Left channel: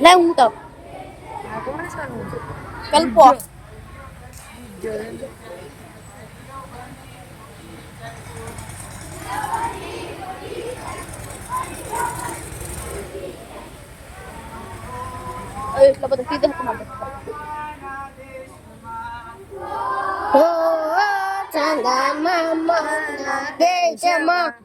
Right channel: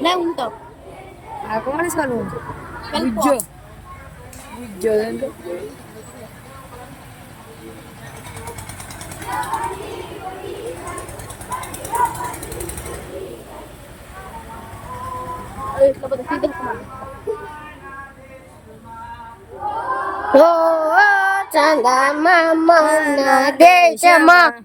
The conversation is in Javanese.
Le gusta. ¿Cómo les saludo? Calpo. Yo. Yo dentro. Oh, oh, oh, oh, oh, oh, oh, oh, oh, oh, oh,